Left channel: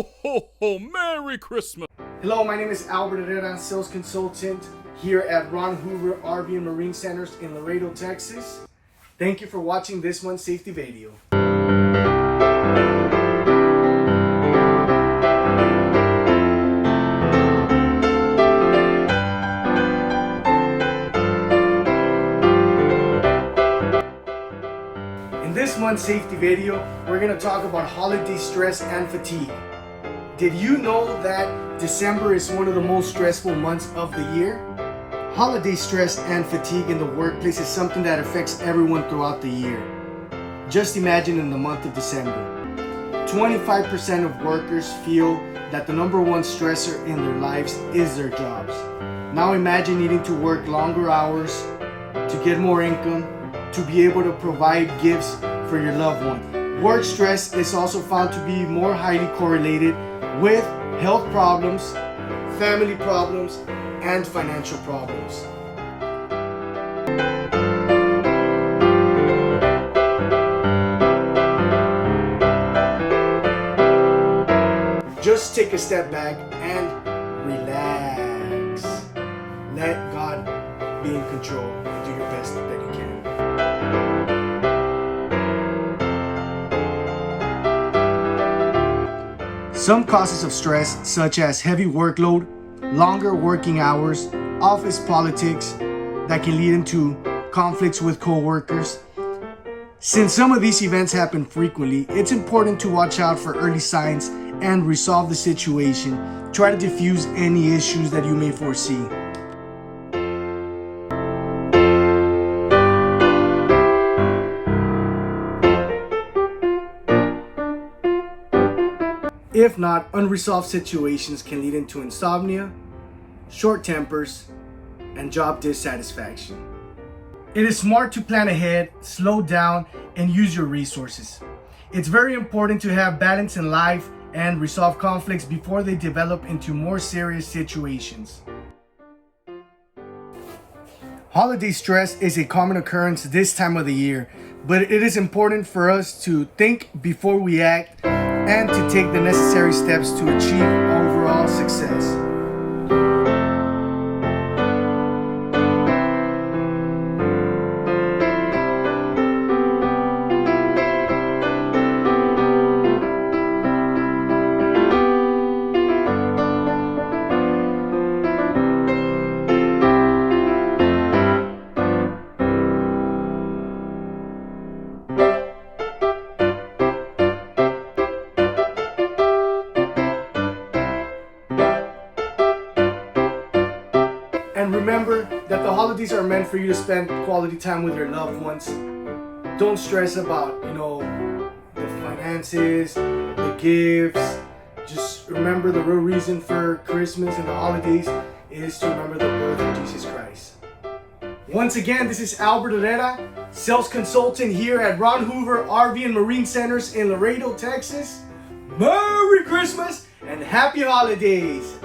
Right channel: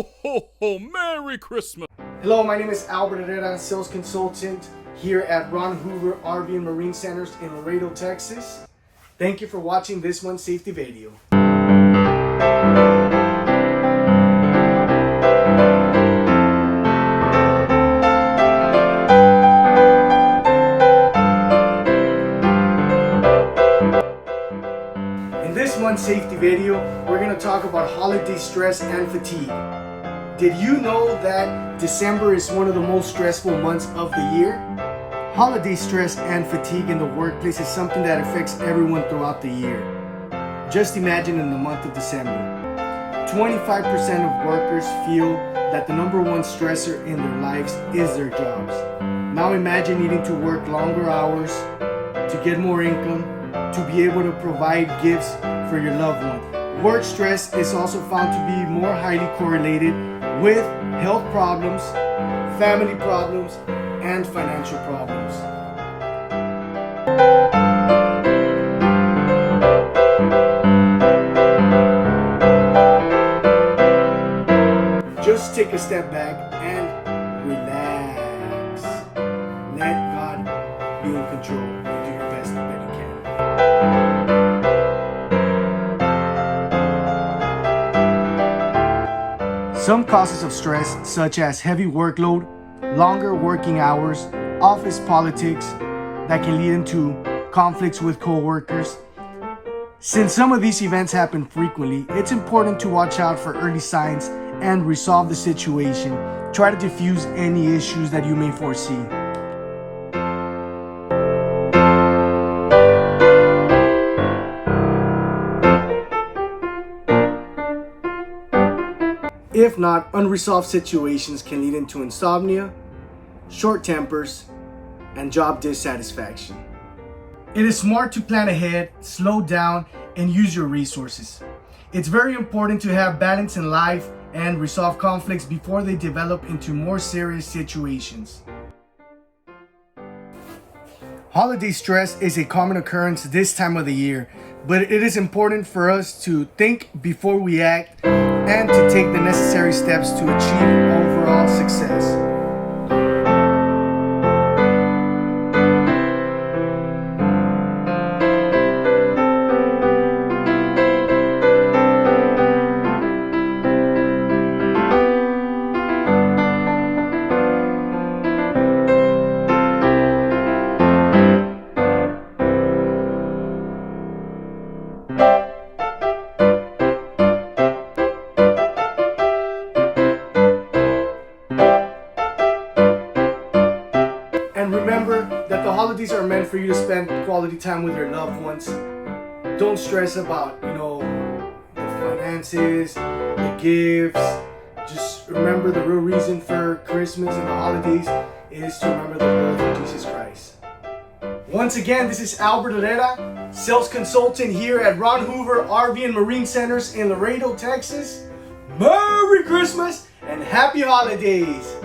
Ho, ho, ho! Merry Christmas! Hello, my name is Albert Herrera, sales consultant here at Ron Hoover RV and Marine Centers in Laredo, Texas. Thank you for watching this month's safety video. In this month's safety video, we're going to talk about holiday stress and fatigue. Did you know that December is one of the most stressful months of the year? Holiday stress and fatigue in the workplace is something that affects everyone throughout the year. Just imagine in the month of December. 25% of workers feel that the number one stressor in their lives is their jobs. Now imagine needing to work longer hours to get more income, to be able to provide gifts for your loved one. Work stress is also found to be more highly correlated with health problems, family problems, and financial problems. Just take a step back and relax. Let God be in control and do your best that you can. Some causes of stress, such as heavy workload, longer working hours, office politics, that can lead into conflicts with co-workers. Since some of these events happen frequently, it's important to watch out for early signs and resolve the situation. Try to diffuse any issues that you may foresee. If not, unresolved situations can lead into insomnia, short tempers, and job dissatisfaction. It is smart to plan ahead, slow down, and use your resources. It's very important to have balance in life and resolve conflicts before they develop into more serious situations. Holiday stress is a common occurrence this time of the year, but it is important for us to think before we act and to take the necessary steps to achieve overall success. And remember that the holidays are meant for you to spend quality time with your loved ones. Don't stress about, the finances, the gifts. Just remember the real reason for Christmas and the holidays is to remember the birth of Jesus Christ. Once again, this is Albert Herrera, sales consultant here at Ron Hoover RV and Marine Centers in Laredo, Texas. Merry Christmas and Happy Holidays!